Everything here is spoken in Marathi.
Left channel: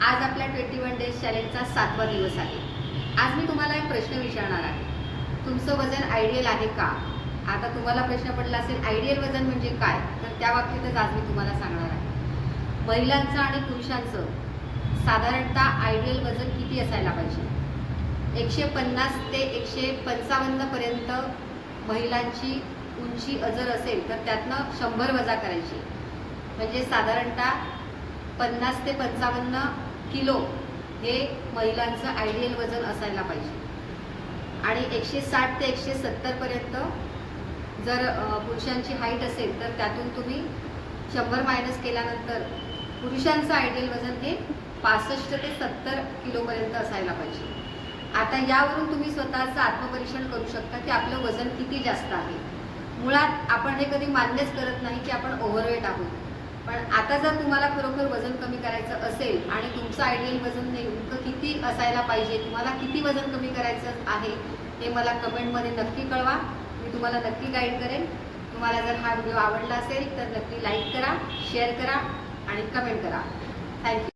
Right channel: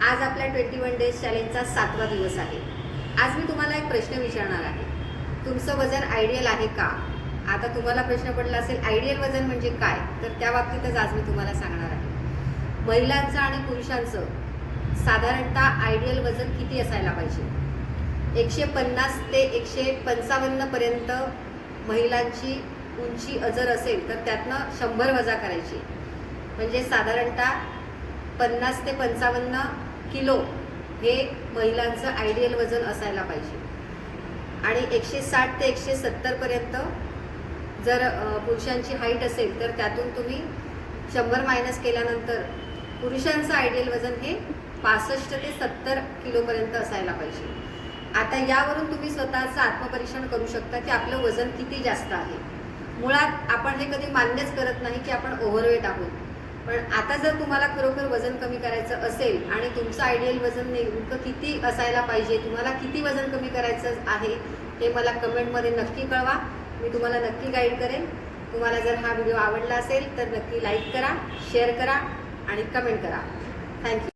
आज आपल्या 21 डेज चॅलेंजचा 7वा दिवस आहे। आज मी तुम्हाला एक प्रश्न विचारणार आहे, तुमचं वजन आयडियल आहे का? आता तुम्हाला प्रश्न पडला असेल आयडियल वजन म्हणजे काय, तर त्या बाबतीतच आज मी तुम्हाला सांगणार आहे। महिलांचं आणि पुरुषांचं साधारणतः आयडियल वजन किती असायला पाहिजे? 150 ते 155 पर्यंत महिलांची उंची जर असेल तर त्यातनं 100 वजा करायची, म्हणजे साधारणतः 50 ते 55 किलो हे महिलांचं आयडियल वजन असायला पाहिजे। आणि 160 ते 170 पर्यंत जर पुरुषांची हाईट असेल तर त्यातून तुम्ही 100 मायनस केल्यानंतर पुरुषांचं आयडियल वजन हे 65 ते 70 किलोपर्यंत असायला पाहिजे। आता यावरून तुम्ही स्वतःचं आत्मपरीक्षण करू शकता की आपलं वजन किती जास्त आहे। मुळात आपण हे कधी मान्यच करत नाही की आपण ओव्हरवेट आहोत, पण आता जर तुम्हाला खरोखर वजन कमी करायचं असेल आणि तुमचं आयडियल वजन नेमकं किती असायला पाहिजे, तुम्हाला किती वजन कमी करायचं आहे ते मला कमेंटमध्ये नक्की कळवा। मी तुम्हाला नक्की गाईड करेन। तुम्हाला जर हा व्हिडिओ आवडला असेल तर नक्की लाईक करा, शेअर करा आणि कमेंट करा। थँक्यू।